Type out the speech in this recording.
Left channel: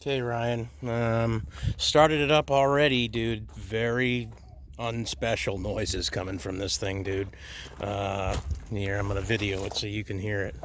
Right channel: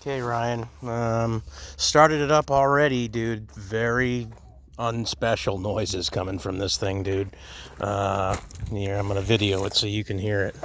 Okay, Ryan. Started it up already, dude. Very unspecial noises coming from this thing, dude. Here, I'm gonna video it so you can hear it.